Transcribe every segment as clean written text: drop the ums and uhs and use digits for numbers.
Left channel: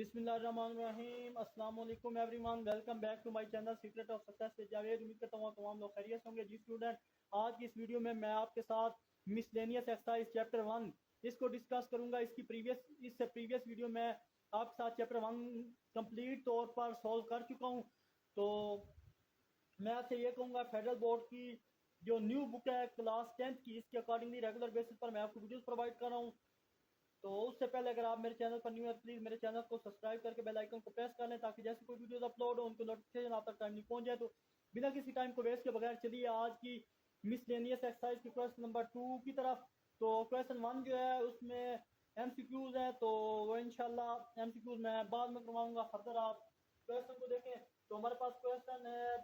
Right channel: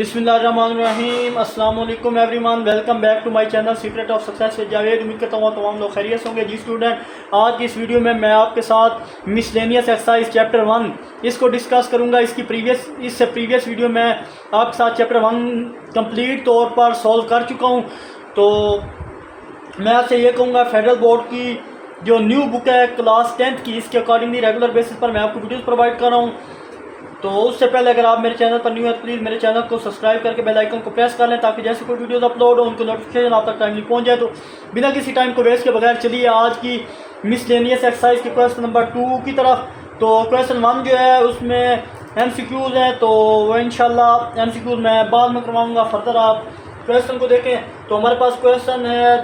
बिस्मिल्लाहिर्रहमानिर्रहीम। अस्सलाम वालेकुम everyone, welcome back to my channel secret of success with Javed. उम्मीद करता हूँ तमाम लोग खैरियत होंगे। जी स्टूडेंट, आज की इस वीडियो में मैं आपके साथ मिसलेनियस एक्सरसाइज चैप्टर 1 इसको डिस्कस करूँगा। इससे प्रीवियस वीडियो में आपके साथ चैप्टर 1 कंप्लीट तौर पर सॉल्व कर चुका हूँ। तो मैं आपसे ये कहूँगा, फेडरल बोर्ड की जो न्यू बुक है क्लास 10th की, इसके अकॉर्डिंगली रेगुलर बेसिस पर मैं आपको वीडियोज़ प्रोवाइड कर रहा हूँ। तो उससे पहले अगर आप मेरे चैनल पर न्यू है तो प्लीज़ मेरे चैनल को सब्सक्राइब करके बेल आइकन को प्रेस कर लें, ताकि जैसे कोई वीडियोस अपलोड हो उनको नोटिफिकेशन आप तक टाइमली पहुंच जाए। तो बिना किसी टाइम को वेस्ट के बगैर चलिए आज की मिसलेनियस एक्सरसाइज के क्वेश्चन नंबर 2 की तरफ। तो क्वेश्चन 1 जो है उसमें MCQs हैं, तो वो इंशाल्लाह MCQs मैं बाद में करवाऊँगा। फर्दर आप क्वेश्चन को देखें तो हमारे पास क्वेश्चन है,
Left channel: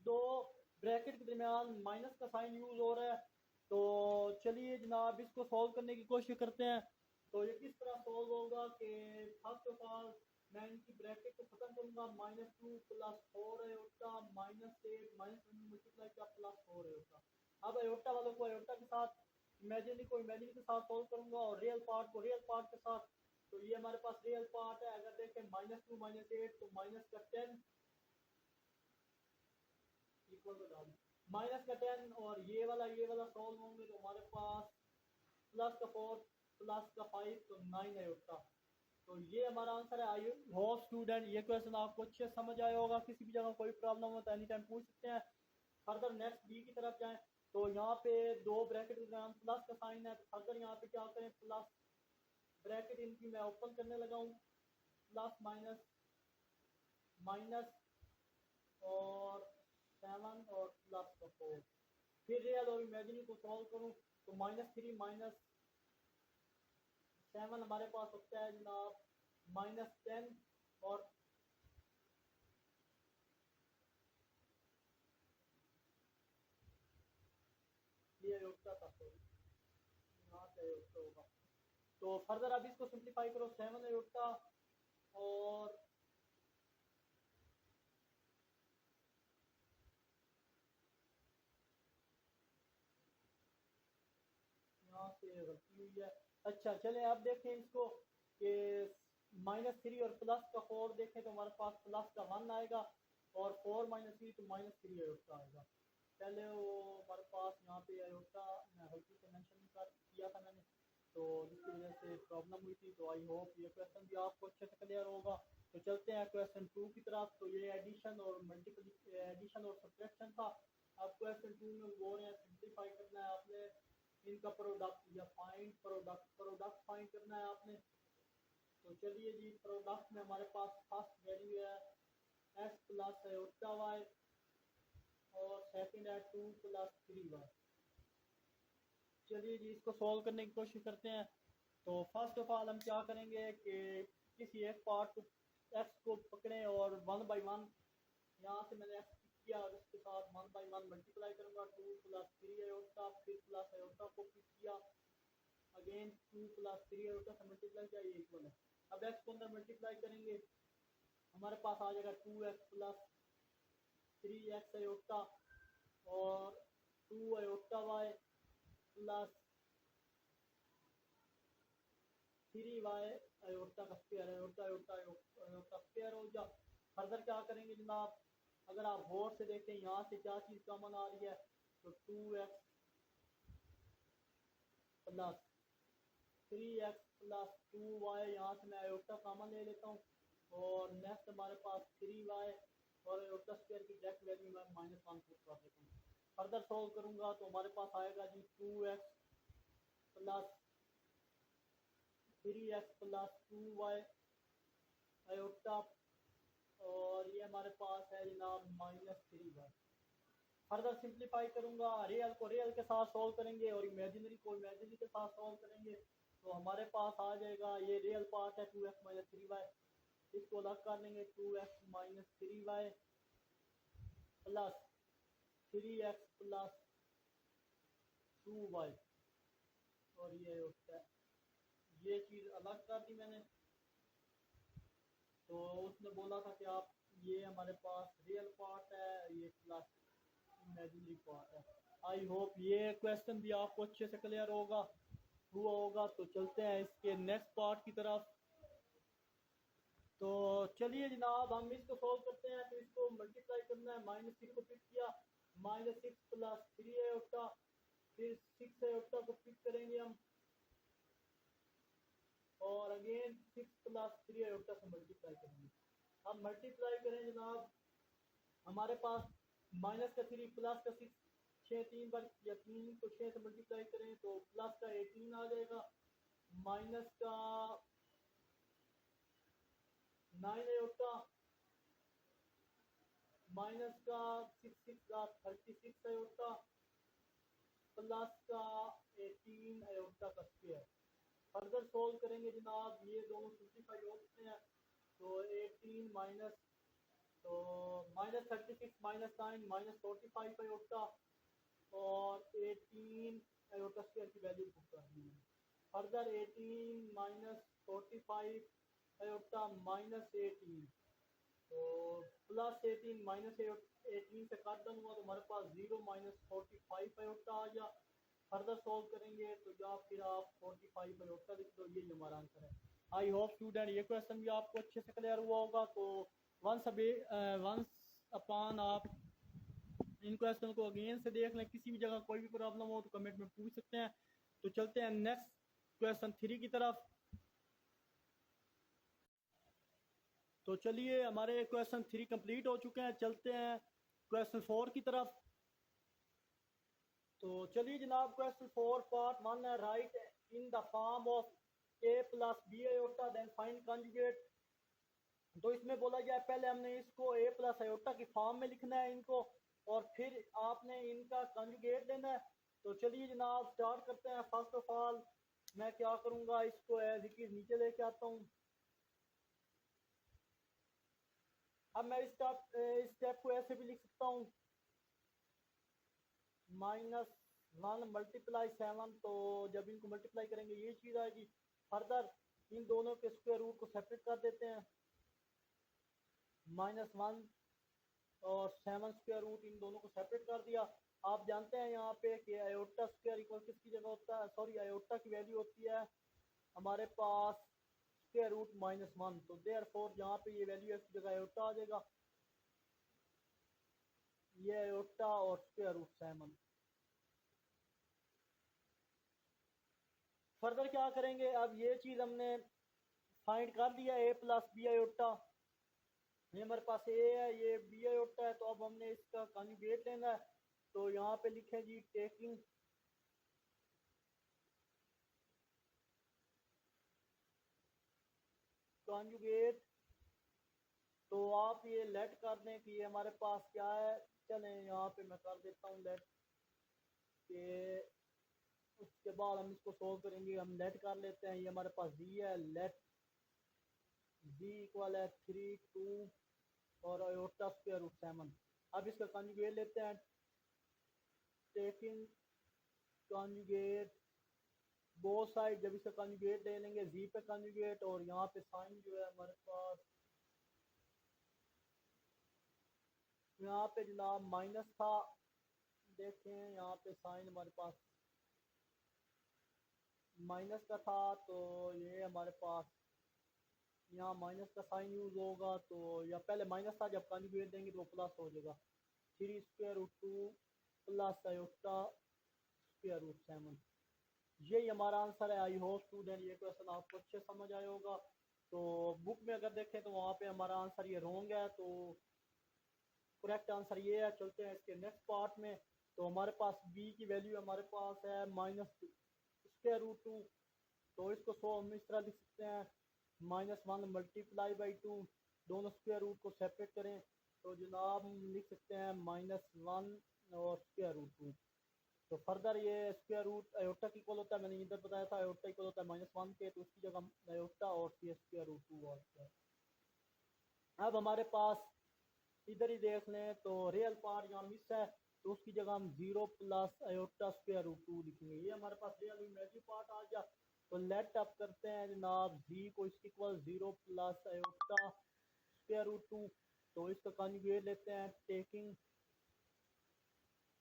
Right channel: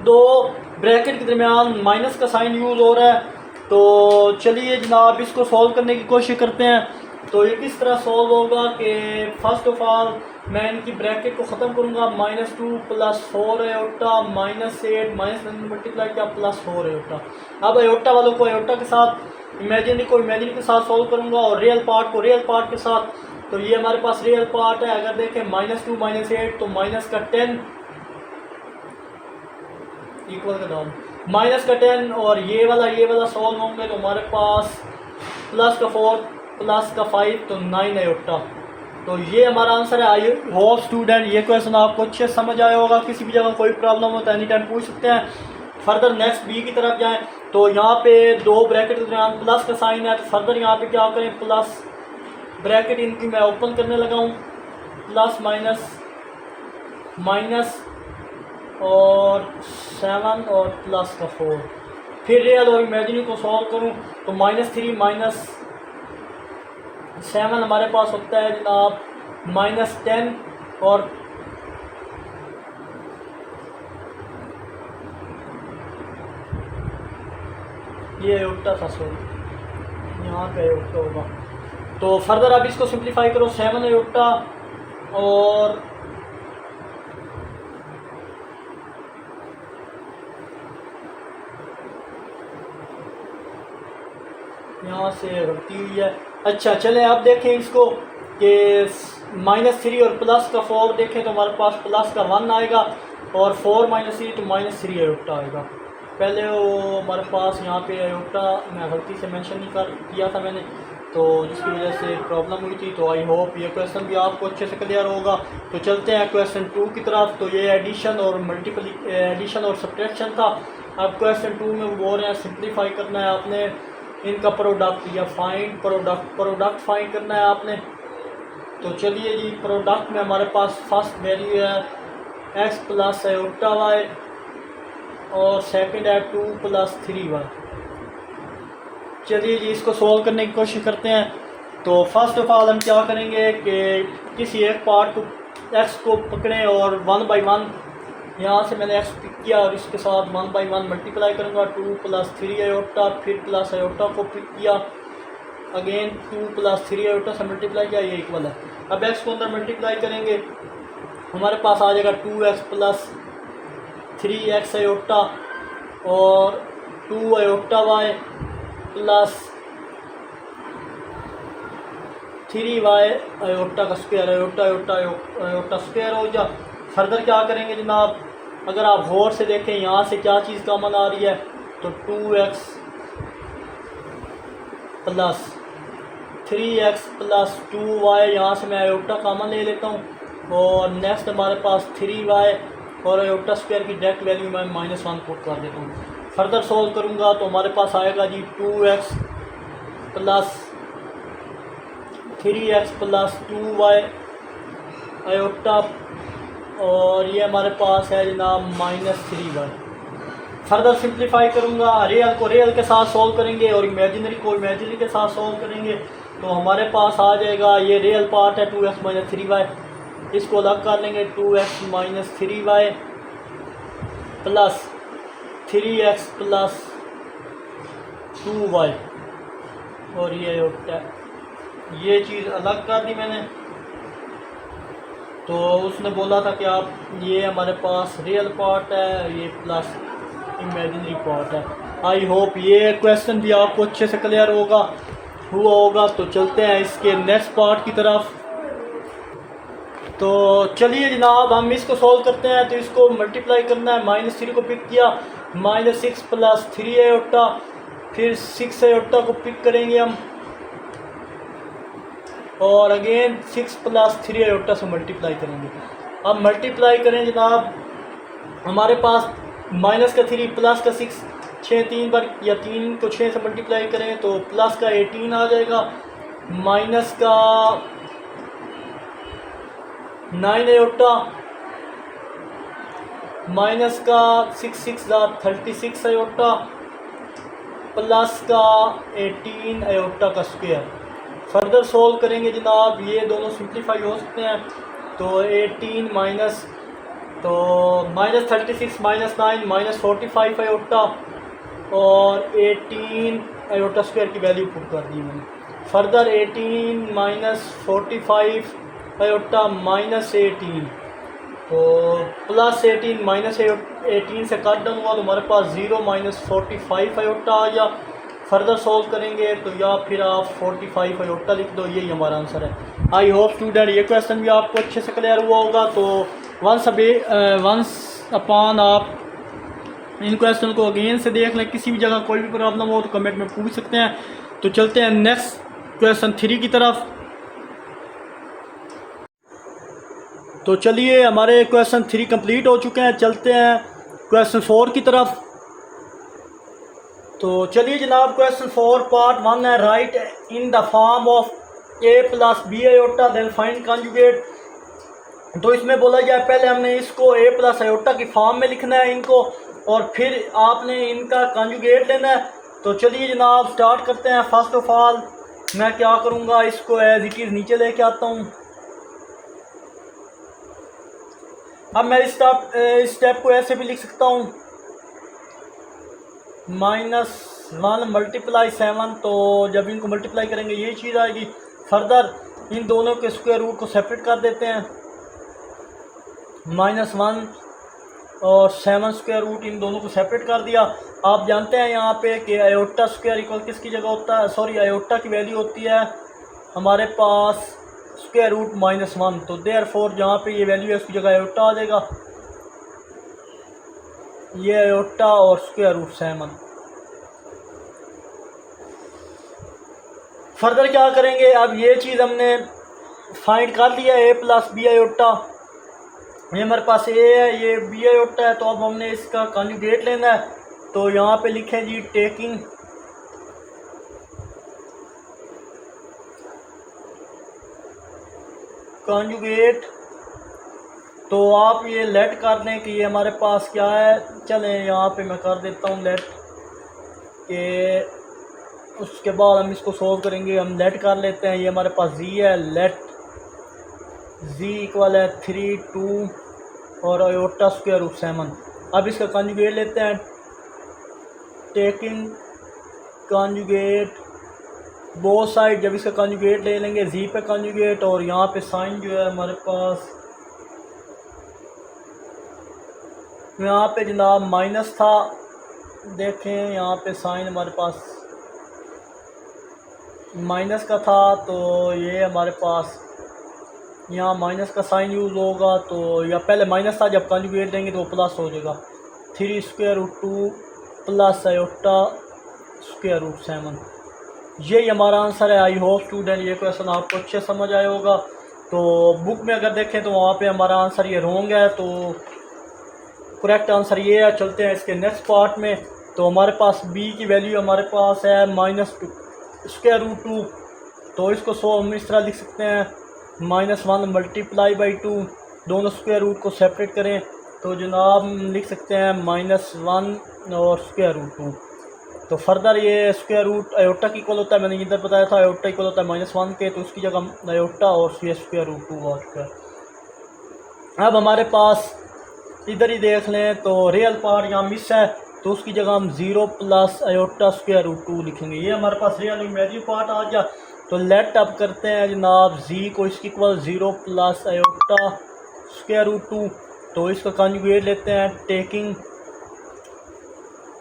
दो ब्रैकेट के दरमियान माइनस का साइन यूज़ हो रहा है। तो चलिए जनाब इसको सॉल्व करने की कोशिश करते हैं। तो ये किस तरह सॉल्व होगा कि फर्स्ट ऑफ ऑल मैं इनकी ब्रैकेट को ख़त्म करूँगा। -2 + 4 आयोटा -8 मल्टीप्लाई किया +4 आयोटा। अब आयोटा वालों को आयोटा के साथ, इमेजिनरी को इमेजिनरी के साथ सॉल्व करूँगा और रियल पार्ट को रियल पार्ट के साथ। तो ये हमारे पास रियल पार्ट है। अगर देखें -2 -8 तो माइनस का 10 इक्वल का डाउन -10 और ये वाला सॉल्व होंगे तो हमारे पास +4 +5 तो 9 आयोटा। तो ये हमारा आंसर है। आई होप स्टूडेंट ये क्वेश्चन आपको अच्छे समझ आया होगा। किसी भी जगह कोई प्रॉब्लम हो तो एनी टाइम पूछ सकते हैं। फर्दर नेक्स्ट बी की तरफ जाएं तो यहाँ पे दो ब्रैकेट के दरमियान प्लस का साइन है। तो फर्दर यहाँ पे क्या करें, प्लस ब्रैकेट इनकी मैं ओपन करने लगा हूँ, प्लस माइनस और 7 और +4। फिर रियल और इमेजिनरी को सॉल्व करूं तो -3 -7 हमारे पास होता है जनाब -10 और ये आयोटा था, सॉरी यहाँ पे आयोटा होगा। तो फर्दर आप इसको सिंप्लीफाई करो, 7 आयोटा और यहाँ से गलती हुई है। अच्छा चलें अब देखें इसको कि -3 और +4 देखें तो हमारे पास +1 आएगा और 4 -3 तो -3 आयोटा आएगा। पहले वो हमारे पास यहाँ पे आयोटा मैं गलती से मेंशन नहीं किया था मैंने, तो जिसकी वजह से प्रॉब्लम हुई थी। तो आई होप ये क्वेश्चन भी आपको अच्छे से क्लियर होगा। तो चलते हैं क्वेश्चन 2 की तरफ। तो ये एडिशन और सब्ट्रैक्शन था। अब क्वेश्चन 2 में वो बोल रहे हैं सिंप्लीफाई करना है आपने इनका प्रोडक्ट या फाइंड प्रोडक्ट फाइंड करना है आपने। तो चलिए जी, प्रोडक्ट में हमारे पास फर्स्ट वैल्यू है x + आयोटा y और सेकंड है 2 + 3y। चलिए जी इसको सॉल्व करने की कोशिश करते हैं। तो फर्स्ट ऑफ ऑल हम क्या करेंगे कि किसी एक पार्ट को x को पकड़ें और 1 बाई 1 यहाँ से मैंने x पिक किया और इसके साथ 1 बाई 1 मल्टीप्लाई करूँगा। 2 + 3 आयोटा, फिर प्लस आयोटा को पिक किया, अगेन 2 + 3 आयोटा से मल्टीप्लाई किया, ये इक्वल है। अब x को अंदर मल्टीप्लाई करेंगे, हमारे पास आ जाएगा 2x + 3x आयोटा और 2 iota y plus 3y iota का स्क्वायर, आयोटा स्क्वायर हो जा। फर्दर क्या करेंगे जनाब, अगर आप गौर से देखें यहाँ से क्या चीज़ कॉमन आ रही है, तो 2x + 3x + 2y, यहाँ से मैं आयोटा कॉमन ले लेता हूँ और नेक्स्ट हमारे पास 3y और आयोटा स्क्वायर की डायरेक्ट वैल्यू मैं -1 पुट कर देता हूँ। फर्दर सॉल्व करूँगा तो हमारे पास आएगा जी 2x + 3x + 2y आयोटा और ये हमारे पास है जनाब -3y। फर्दर सिंप्लीफाई करूँगा, रियल को रियल के साथ सॉल्व करेंगे और इमेजिनरी को इमेजिनरी के साथ सॉल्व करेंगे। तो हमारे पास आ जाएगा, ये रियल पार्ट है 2x - 3y, इसको अलग कर लेंगे। 2x - 3y plus 3x + 2y और ये होता है, ये चीज़ अलग कर दी मैंने। तो उसने बोला था कि आप ये हमारे पास रियल पार्ट है, ये प्लस इमेजिनरी पार्ट है। आई होप ये क्वेश्चन भी आपको अच्छे से क्लियर हुआ होगा। तो चलते हैं इसके नेक्स्ट पार्ट की तरफ। तो चलिए जनाब हम इसको सॉल्व करते हैं। तो इसको मल्टीप्लाई करना है, -3 को पिक किया, -6 + 3 आयोटा, फिर 6 आयोटा को पिक करेंगे हम और अगेन 6 + 3 आयोटा से मल्टीप्लाई करेंगे। अब मल्टीप्लाई करें जनाब, हमारे पास माइनस का 3 प्लस का 6, 6 3 बार या 3 को 6 से मल्टीप्लाई करें तो प्लस का 18 आ जाएगा, माइनस का 9 आयोटा, माइनस का 6 6 36 आयोटा, प्लस का 18 आयोटा का स्क्वायर। फर्दर सोल्व करेंगे जनाब, ये दोनों सिंप्लीफाई हो सकते हैं। तो 18 माइनस तो -36 -9 -45 आयोटा और 18 आयोटा स्क्वायर की वैल्यू पुट कर दी मैंने। फर्दर 18 - 45 आयोटा -18 तो +18 -18 से कट डाउन हुआ तो हमारे पास 0 - 45 आयोटा आ गया। फर्दर सॉल्व करेंगे तो या फिर आप 45 आयोटा लिख दो, यही हमारा आंसर है। आई होप स्टूडेंट ये क्वेश्चन भी आपको अच्छे से क्लियर हुआ होगा। तो वंस अपॉन आप इन क्वेश्चन को अगेन से देख लें, किसी भी जगह कोई भी प्रॉब्लम हो तो कमेंट में पूछ सकते हैं। तो चलते हैं नेक्स्ट क्वेश्चन 3 की तरफ। तो चलिए हमारे क्वेश्चन 3 कंप्लीट हो चुके हैं, चलते हैं क्वेश्चन 4 की तरफ। तो चलिए जनाब क्वेश्चन 4 पार्ट 1 है, write in the form of a + b iota then find conjugate. तो इसमें बोला गया पहले हमने इसको a + आयोटा की फॉर्म में लिखना है इनको, और फिर आपने इनका कॉन्जुगेट लेना है। तो चलिए जनाब स्टार्ट करते हैं। फर्स्ट ऑफ ऑल मैं क्या करूँगा, इसको एज इट इज़ नीचे लेके आता हूँ। अब मैं इस स्टेप को ऐसे भी लिख सकता हूँ, -1 × 7, तो जब इनको मल्टीप्लाई करेंगे यही चीज़ आएगी। फर्दर इन दोनों के स्क्वायर रूट को सेपरेट कर देते हैं, -1 और 7 स्क्वायर रूट इन दोनों को सेपरेट कर दिया। आप जानते हैं यहाँ पे कि आयोटा स्क्वायर इक्वल किसकी जगह होता है, सॉरी आयोटा की वैल्यू होती है हमारे पास स्क्वायर रूट -1। तो देयरफॉर जहाँ पे ये वैल्यू है उसकी जगह आयोटा आ जाएगा, ये आयोटा और स्क्वायर रूट 7। फर्दर क्या करेंगे, अब ये चीज़ हमने फाइंड कर लिया a + b आयोटा, ये हमारे पास a है, ये b आयोटा है। तो अब हमने इसका कॉन्जुगेट लेना है। तो यहाँ पे लिखें जी टेकिंग कॉन्जुगेट। तो आप ये लेट कर दें कि ये हमारे पास क्या है, चलें यहाँ पे मैं कर देता हूँ लेट के, उसके बाद हम इसको सोल्व करेंगे। हम लेट कर लेते हैं, ये हमारे पास z है, लेट z इक्वल है 3 2 और आयोटा स्क्वायर रूट 7। अब इसका कॉन्जुगेट लेते हैं, टेकिंग कॉन्जुगेट बोथ साइड। जब इसका कॉन्जुगेट ले लेंगे z पे कॉन्जुगेट, और यहाँ पे साइन जो है हमारे पास यहाँ पे जनाब माइनस था, देखें यहाँ पे साइन हमारे पास माइनस का था, तो ये हमारे पास यहाँ माइनस का साइन यूज़ होगा। तो या पहले माइनस था, जब कॉन्जुगेट देंगे तो वो प्लस हो जाएगा, 3 square root 2 plus iota square root 7। यही हमारा आंसर है। आई होप स्टूडेंट ये क्वेश्चन आपको अच्छे समझ आया होगा। तो बुक में अगर देखें तो वहाँ पे हमारा आंसर ये रॉन्ग है, तो करेक्ट आंसर ये है। चलते हैं इसके नेक्स्ट पार्ट में। तो हमारे पास b की वैल्यू हमारे पास है -2 स्क्वायर रूट 2। तो इसको हम इस तरह लिख सकते हैं, -1 × 2, दोनों स्क्वायर रूट को सेपरेट करें तो जनाब लिख सकते हैं -1 और स्क्वायर रूट 2। तो फर्दर ये स्क्वायर रूट आयोटा की इक्वल होता है, मैंने इधर बताया था आयोटा इक्वल होता है -1 के, तो उसकी जगह आयोटा और ये स्क्वायर रूट 2 आ चुका है। अब हमारे पास इधर ही देख लें तो रियल पार्ट यहाँ मिस है, तो उसकी जगह हम 0 प्लस आयोटा स्क्वायर रूट 2 लिखेंगे। ये हमारे पास रियल इमेजिनरी पार्ट आ गया। तो लेट अब करते हैं जनाब z को इसकी equal 0 plus iota square root 2। तो इसका कॉन्जुगेट लेते हैं, टेकिंग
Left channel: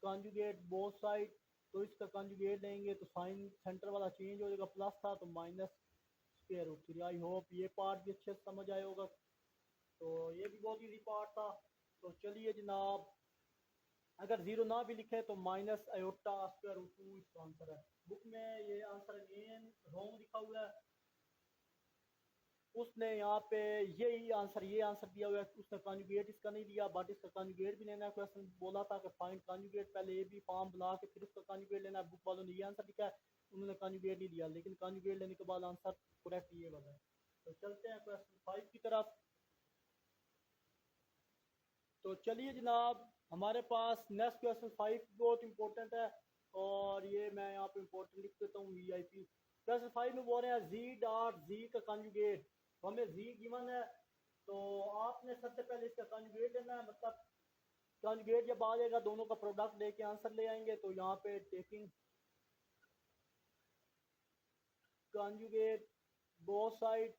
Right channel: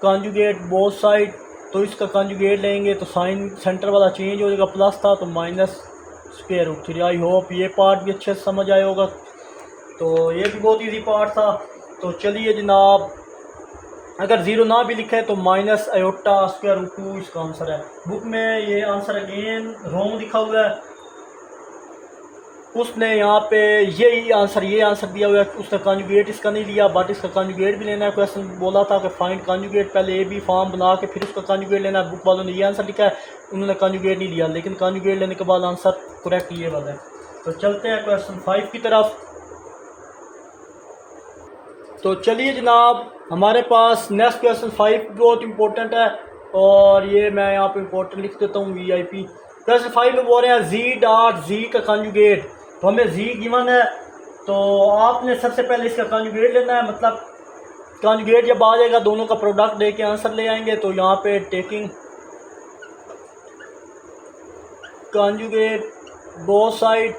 कॉन्जुगेट बोथ साइड। तो इसका कॉन्जुगेट लेंगे तो साइन सेंटर वाला चेंज हो जाएगा, प्लस था तो minus square root 3। I hope ये पार्ट भी अच्छे से समझ आया होगा। तो ये भी बहुत इजी पार्ट था। तो चलिए जनाब, अगर ज़ीरो ना भी लिखे तो माइनस आयोटा स्क्वायर रूट 2 इसका आंसर है। बुक में ये आंसर अगेन रॉन्ग लिखा हुआ है, उसने यहाँ पे ये आंसर दिया हुआ है, उसने कॉन्जुगेट इसका नहीं लिया, बट इसका कॉन्जुगेट भी लेना है। क्वेश्चन बोला था कि फाइंड कॉन्जुगेट, पहले ए बी फॉर्म बना के फिर उसका कॉन्जुगेट लेना है। बुक वालों ने ये आंसर लिखा है, उन्होंने कॉन्जुगेट नहीं लिया, लेकिन कॉन्जुगेट लेने के बाद आंसर करेक्ट ये वाला है। तो चलते हैं क्वेश्चन 5 की तरफ। तो चलिए जनाब, हमारे पास नेक्स्ट क्वेश्चन 5 बहुत इंपॉर्टेंट है, और ये मैं यहाँ पे इंपॉर्टेंट लिख देता हूँ VIP। क्वेश्चन 5 में बोल रहे हैं जी डॉट जी का कॉन्जुगेट। तो हमें जी गिवन है, तो आपने सबसे पहले इसका कॉन्जुगेट लेना है, मतलब कॉन्जुगेट जब आ जाएगा दोनों का प्रोडक्ट दे के आंसर ले आएंगे। तो यहाँ पे टेकिंग कॉन्जुगेट बोथ साइड,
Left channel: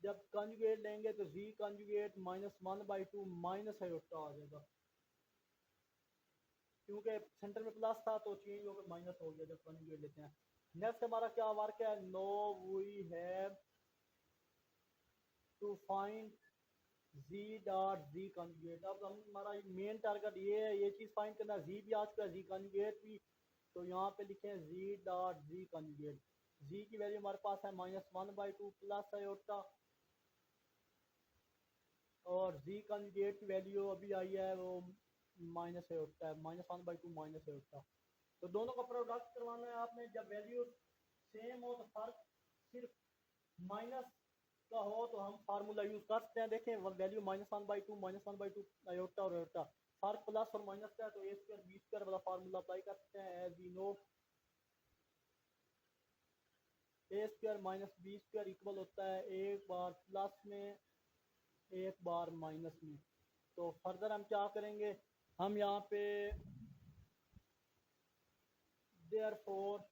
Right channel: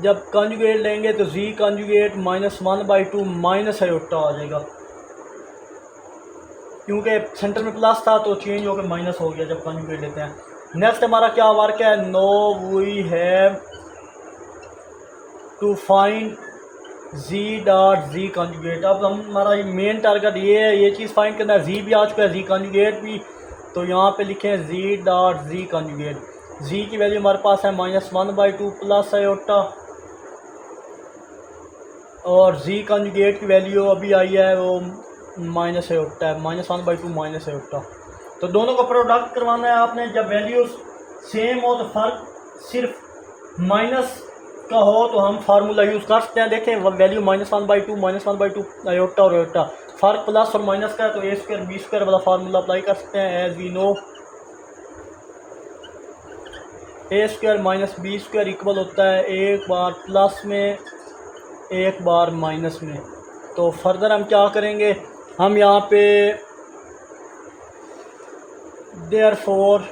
जब कॉन्जुगेट लेंगे तो जी कॉन्जुगेट -1/2 माइनस आयोटा आ जाएगा, क्योंकि सेंटर में प्लस था तो चेंज होकर माइनस हो गया जब कॉन्जुगेट लेते हैं। नेक्स्ट हमारा क्या वर्क है, no we have to find G dot G conjugate. अब हमारा मेन टारगेट ये है, ये चीज़ फाइंड करना है। जी भी आ चुका है, जी कॉन्जुगेट भी, तो यहाँ पे लिखें जी डॉट जी कॉन्जुगेट। जी की वैल्यू हमारे पास है -1/2 प्लस आयोटा, और जी कॉन्जुगेट की वैल्यू अभी आई है वो माइनस आयोटा है, -1/2 माइनस आयोटा। तो दोनों का प्रोडक्ट करवाना है आपने। जब वैल्यूज सेम हो तो फ़र्क सिर्फ माइनस का हो तो हम फार्मूला यूज़ कर सकते हैं। देखें वैल्यू -1/2 आयोटा और आयोटा, फ़र्क प्लस और माइनस का है, तो ए स्क्वायर बी स्क्वायर वाला फार्मूला अप्लाई कर सकते हैं। As we know A square minus B square equal होता है एक बार प्लस में एक बार माइनस में। तो फर्दर हम क्या करेंगे, हम यहाँ पे देयरफॉर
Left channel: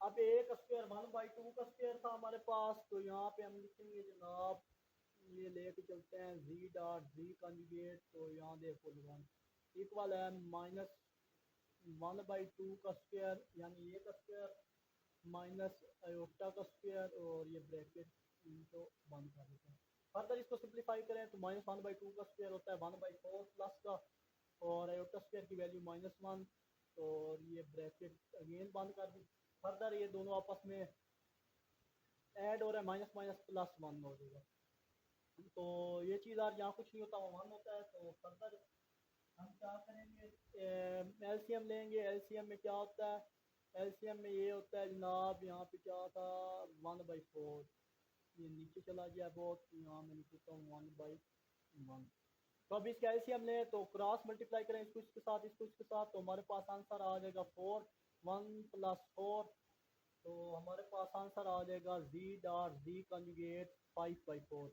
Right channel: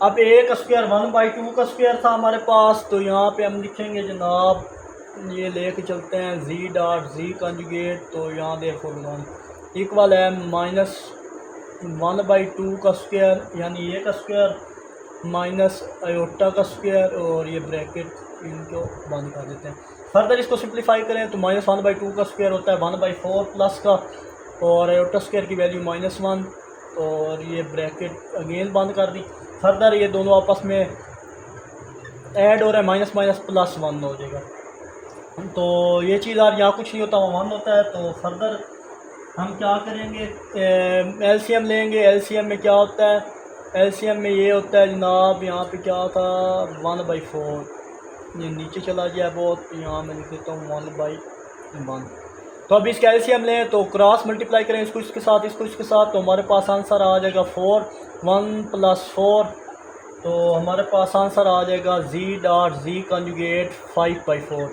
अब ए का स्क्वायर 1/2 का स्क्वायर था हमारे पास, तो यहाँ पे हम लिखेंगे जनाब, ये लेके चलते हैं जी डॉट जी कॉन्जुगेट। तो यहाँ देयरफॉर 1 इक्वल है -1/2 का स्क्वायर, यानी ए का स्क्वायर माइनस आयोटा का स्क्वायर, और ये ब्रैकेट इनको बंद कर देते हैं। फर्दर इसको सिंप्लीफाई करें तो -1/2 का स्क्वायर होता है 1/4 प्लस का, और आयोटा स्क्वायर की वैल्यू -1, और ये ब्रैकेट अगेन बंद कर दी। फर्दर ये दोनों आपस में ऐड हो रहा है, माइनस माइनस प्लस 1 हो जाएगा। तो ये चीज़ यार यहाँ कुछ नहीं होता, 1 होता है। तो फर्दर हम क्या करेंगे, LCM लेंगे। LCM में क्या होता है, LCM में ये होता है जनाब, यहाँ पे क्या था 1/4, ये नीचे चला गया बहुत, यहाँ मैं लिख देता हूँ 1/1। तो अब इसका LCM लें तो क्रॉस मल्टीप्लाई करें इसको इसके साथ, इसको इसके साथ, तो हमारे पास आंसर आ जाएगा 4, 1 + 4, तो हमारे पास आंसर आ जाएगा G dot G conjugate 5/4।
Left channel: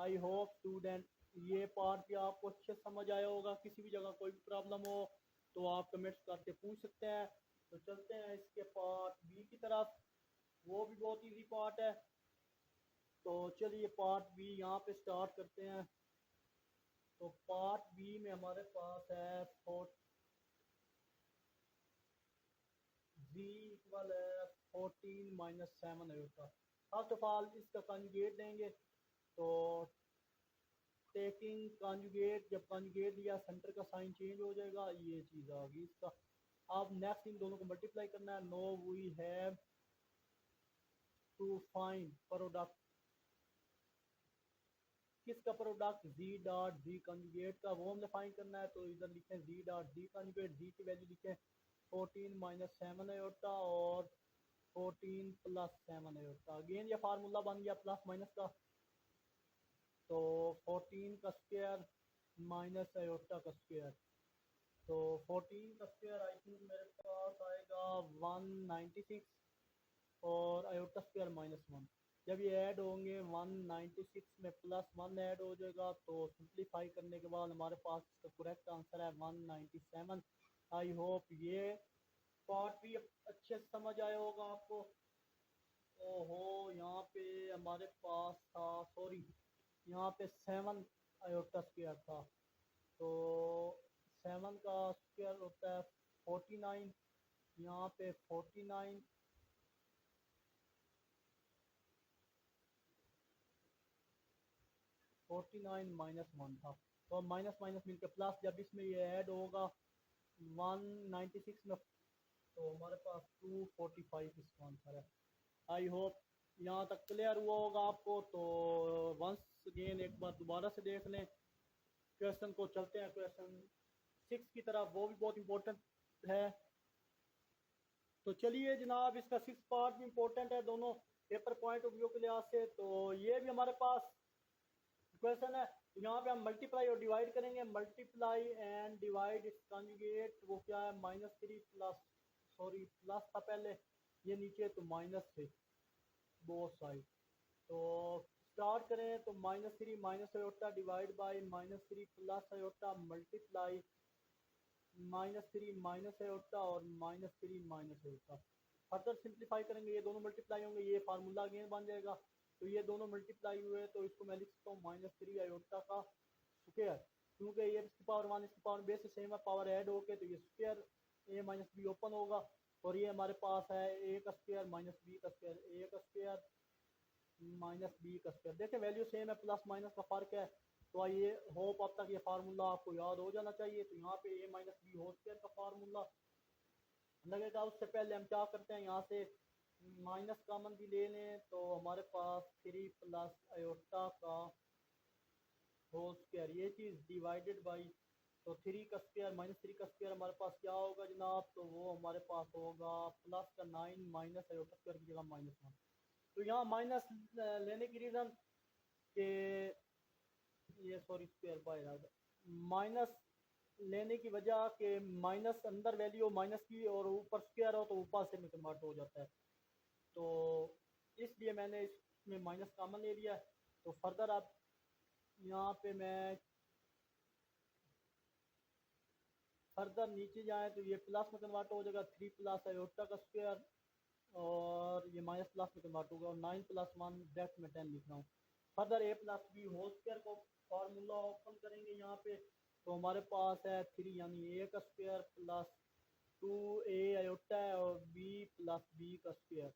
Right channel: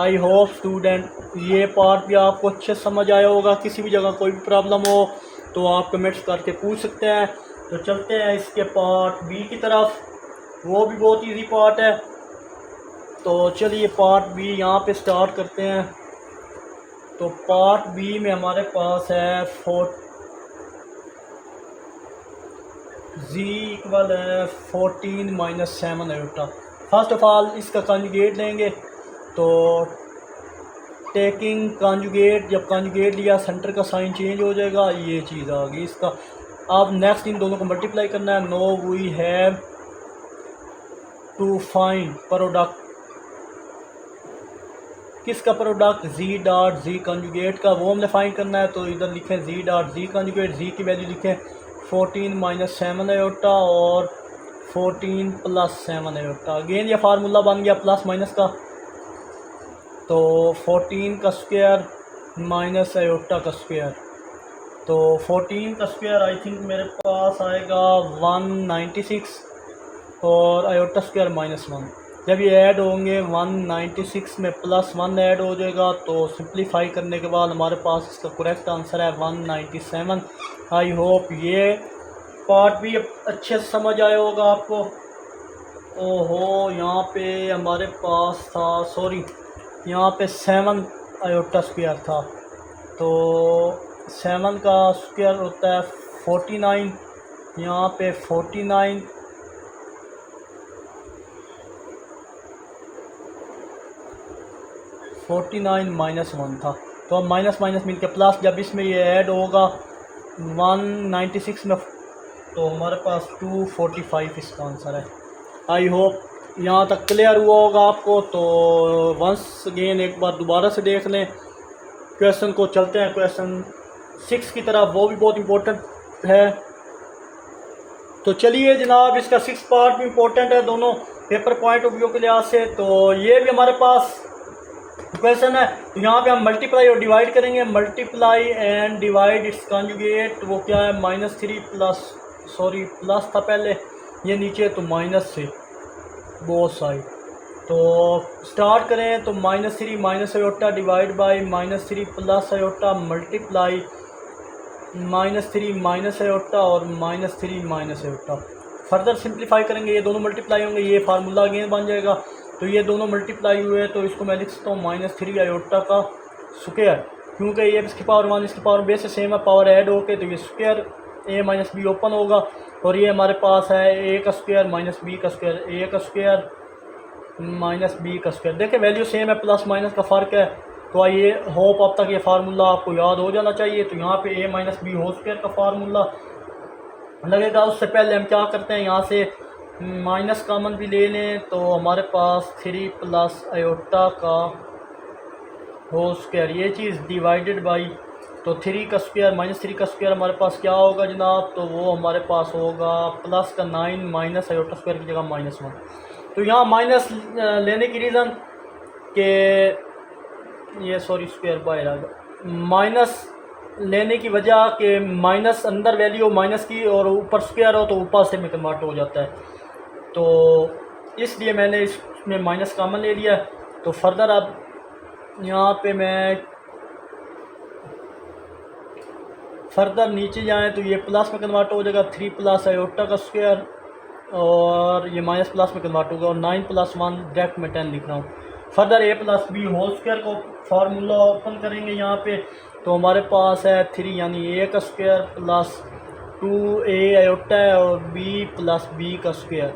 I hope student ये पार्ट भी आपको अच्छे समझ आया होगा। किसी भी जगह कोई भी प्रॉब्लम हो तो आप कमेंट्स करके पूछ सकते हैं। तो चलते हैं इसके पार्ट B की तरफ, वो भी बहुत इजी पार्ट है। तो चलिए पार्ट B यहाँ पे स्टार्ट करते हैं। तो पार्ट B में हमारे पास है जी इक्वल है 14 - 7 आयोटा। फर्स्ट ऑफ ऑल इसका कॉन्जुगेट लेंगे, तो टेकिंग कॉन्जुगेट, जब कॉन्जुगेट लिया सेंटर का साइन चेंज हो जाएगा, ये चीज़ आ गई इसका। अब नेक्स्ट इन दोनों को मल्टीप्लाई करना है। No we have to find product, किसका product, G dot G conjugate का, वो हमने फाइंड करना है। तो इधर लिखें जी डॉट जी कॉन्जुगेट, जी की वैल्यू लिखें 14 - 7 आयोटा और 14 + 7 आयोटा। अगेन ये फार्मूला बन गया प्लस माइनस का, तो 14 का स्क्वायर माइनस आयोटा का स्क्वायर, तो 14 का स्क्वायर आई थिंक मेरे पास आएगा 196, और आयोटा स्क्वायर -1। जब ये ऐड होंगे 196 में +1 ऐड हो जाएगा, तो सिंप्लीफाई करने के बाद हमारे पास इसका करेक्ट आंसर है 197। आई होप ये पार्ट भी अच्छे से समझ आया होगा आपको। ओहो यहाँ पे हमारे पास था, सॉरी यहाँ पे 7 आयोटा स्क्वायर था, तो 7 का स्क्वायर होता है 49, यहाँ पे 49 49 माइनस 1 था, तो अब माइनस माइनस मिल के प्लस, जब इसमें ये ऐड होगा 196 में तो हमारे पास 245 इसका आंसर है। आई होप यहाँ तक क्लियर हुआ होगा आपको। तो वंस अगेन एक बार दोबारा से देख लें क्वेश्चन को। चलते हैं क्वेश्चन 6 की तरफ, वो भी बहुत इम्पोर्टेंट है। तो चलिए जनाब, इसका 6 पार्ट भी इम्पोर्टेंट है दोनों पेपर पॉइंट ऑफ व्यू के लिहाज से। तो ये भी हमारे पास क्वेश्चन है। तो यहाँ पे हम मल्टीप्लाई और डिवाइड करेंगे। Multiply and divide it's conjugate, वो क्या है -3 प्लस, सॉरी प्लस था पहले, ये नीचे तो माइनस से बोथ साइड। तो स्टार्ट करें तो -3 minus iota divide by -3 plus iota multiply -3 minus iota और -3 माइनस आयोटा। फर्दर सिंप्लीफाई करेंगे, ये दोनों मल्टीप्लाई होंगे, ये फार्मूला अगेन बन जाएगा। तो ये दोनों मल्टीप्लाई हुए तो इसको मैं लिख सकता हूँ -3 आयोटा का स्क्वायर, क्योंकि ये इसकी पावर 1 इसकी पावर बेस से सेम है, पावर ऐड होके तो ये square a minus be open होगा। और ये हमारे पास है a का स्क्वायर माइनस बी का स्क्वायर, a का स्क्वायर माइनस बी का स्क्वायर। देखिए वैल्यू सेम है, प्लस माइनस का फ़र्क है। तो आइए होप अब तक ये फार्मूला आपको याद हो जाना चाहिए। तो यहाँ पे a minus B whole square का फार्मूला लगेगा। उससे पहले हम क्या करते हैं, यहाँ से माइनस कॉमन भी ले लें तो हमारे पास 3 प्लस आयोटा का होल स्क्वायर, ये चीज़ डिवाइडेड बाई, तो 3 का स्क्वायर -3 का स्क्वायर हमारे पास क्या होगा जनाब, तो वो हमारे पास होगा प्लस का 9 माइनस आयोटा स्क्वायर की जगह -1। तो यहाँ माइनस लेने की रीज़न के ये सॉरी स्क्वायर बाहर आ गया, माइनस लेने की वजह के माइनस अंदर वैल्यू माइनस की और ऊपर स्क्वायर हो तो ऊपर से में कन्वर्ट हो जाता है। तो इसलिए मैंने इसमें माइनस कॉमन ले लिया। तो फर्दर अब यहाँ पे मैं फर्दर नीचे जाएं तो ये प्लस में कन्वर्ट हो जाएगा, 3 प्लस आयोटा का स्क्वायर और ये माइनस प्लस में कन्वर्ट होगा, और 9 प्लस 1 डायरेक्ट में 10 लिख रहा हूँ। Further a plus B whole square को फार्मूला ओपन करेंगे यहाँ पे, तो हमारे पास है 3 यानी a का स्क्वायर प्लस 2a आयोटा है और b प्लस b का square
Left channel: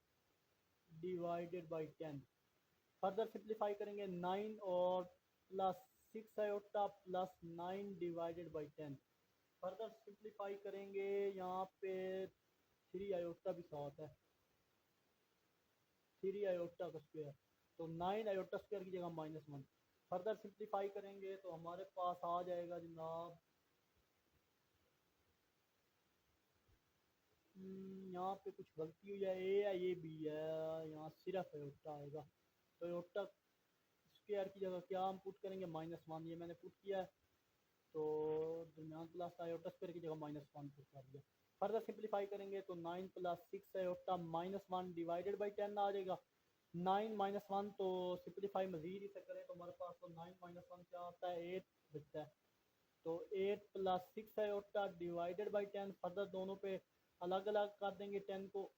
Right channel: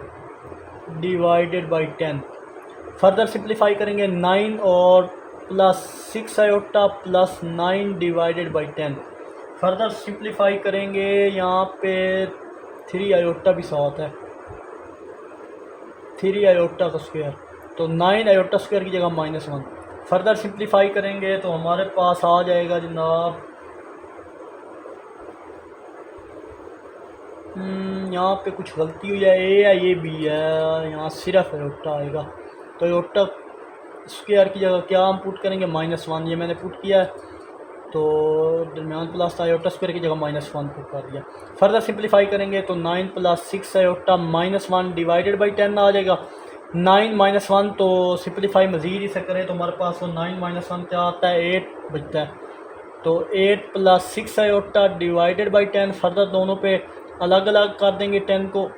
divided by 10। Further simplify करेंगे 9 और plus 6 iota plus 9 divided by 10। Further simplify करेंगे यहाँ पे 3 आयोटा भी साथ है, 3 आयोटा का स्क्वायर, तो 9 आयोटा स्क्वायर की जगह -1। फर्दर सिंप्लीफाई करेंगे तो हमारे पास आ जाएगा जनाब, यहाँ पे कुछ गलती हुई है, ए है ये बी है, यहाँ सिर्फ आयोटा आएगा। तो आयोटा स्क्वायर की जगह क्या हम पुट करेंगे -1, ये मैंने पुट किया है। तो दरमियान प्लस आयोटा स्क्वायर की जगह -1 पुट कर दिया। फर्दर सिंप्लीफाई करेंगे तो 9 प्लस 6 आयोटा -1 डिवाइडेड बाई 10 आ जाएगा। 9 -1 तो सिंप्लीफाई मज़ीद इसे करें तो हमारे पास वो 9 -1 क्या आता है, 8 बचता है। तो 8 plus 6 iota divided by 10। Further दोनों पे अलग अलग कर देंगे, 10 को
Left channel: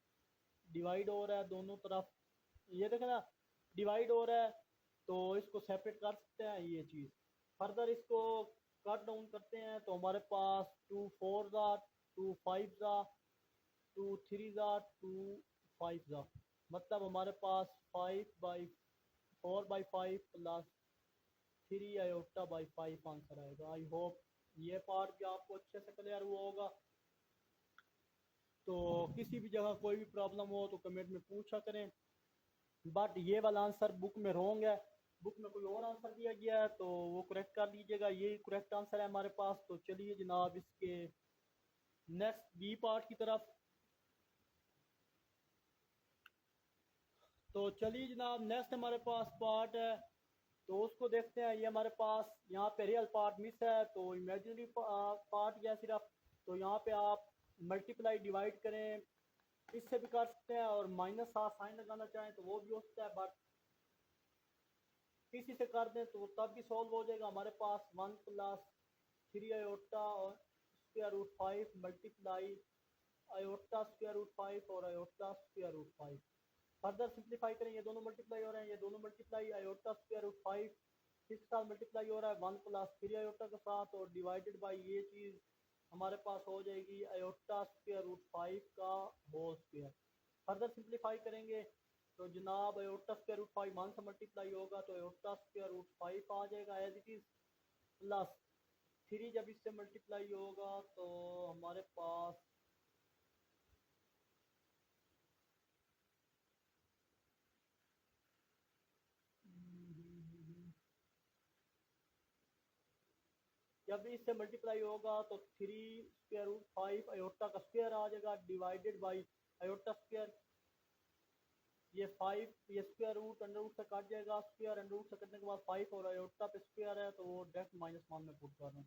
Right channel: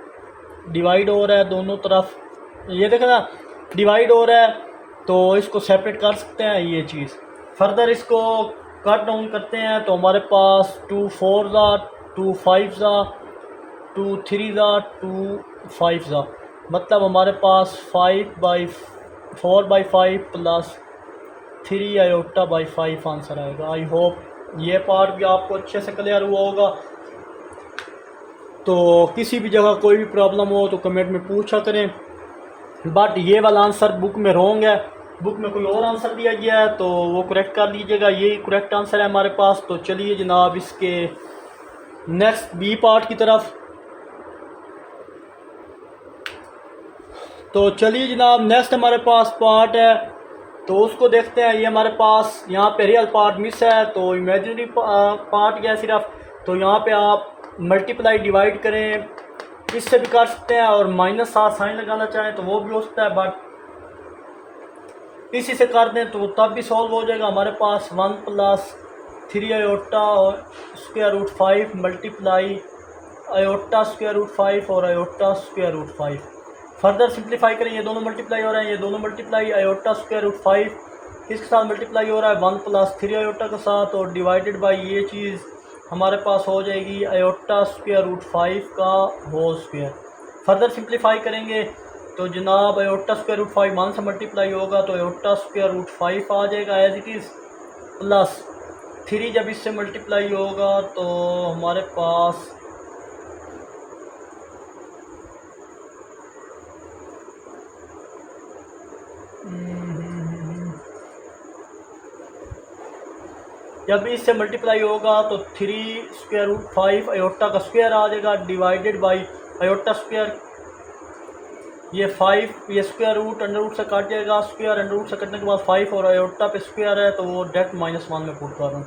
डिवाइड हो रहा है दोनों तरफ, ये देखना डिवाइड हो रहा है तो इसको सेपरेट कर सकते हैं ये चीज़। फर्दर इसको कट डाउन करते हैं तो हमारे पास 2 4 ज़ा 2 5 ज़ा 2 3 ज़ा 2 5 ज़ा, मतलब हमारे पास 4/5 प्लस 3 आयोटा बाई 5 आंसर आएगा। आई होप ये पार्ट भी आपको अच्छे से क्लियर हुआ होगा। तो किसी भी जगह कोई भी प्रॉब्लम हो तो कमेंट में पूछा करें, बट ये वाला आंसर बुक में रॉन्ग है, बुक में कोई और आंसर दिया गया है तो वो करेक्ट कर लीजिएगा, ये करेक्ट आंसर है हमारे पास। तो चलिए जनाब इसके नेक्स्ट बी पार्ट की तरफ। तो चलिए जनाब नेक्स्ट हमारे पास पार्ट है तो उसको देखते हैं। ये हमारे पास यहाँ पे रियल पार्ट मिस है तो इमेजिनरी पार्ट गया सिर्फ। तो यहाँ पे आप मल्टीप्लाई डिवाइड करें, इससे भी कर सकते हैं, और -7 साइन लगाना चाहें तो वो भी हो सकता है, बट इसी से कर दें तो तब भी सॉल्व हो जाएगा। हमारे पास 1 प्लस 3 आयोटा और square root 5 multiply iota square root 5 और iota square root 5। Further simplify करें, ये दोनों मल्टीप्लाई हो रहे हैं, ये दोनों मल्टीप्लाई आयोटा स्क्वायर रूट 5 किसके साथ मल्टीप्लाई हो रहा है 1 प्लस 3 आयोटा के साथ, और डिवाइडेड बाई ये चीज़ हमारे पास हो जाएगी आयोटा स्क्वायर रूट 5 का होल स्क्वायर। फर्दर सिंप्लीफाई करेंगे तो जनाब आयोटा स्क्वायर रूट 5 1 से मल्टीप्लाई होगा तो आयोटा स्क्वायर रूट 5 आ जाएगा एज इट इज़, प्लस 3 जब इससे मल्टीप्लाई होगा तो हमारे पास जब इससे मल्टीप्लाई होगा तो 3 स्क्वायर रूट 5 आयोटा का स्क्वायर आ जाएगा डिवाइडेड बाई आयोटा स्क्वायर, ये 5 ये स्क्वायर रूट अंडर रूट से काट जाएगा, स्क्वायर अंडर रूट से कटने के बाद 5 और आयोटा पे स्क्वायर है तो वो डायरेक्ट -1 में पुट कर रहा हूँ।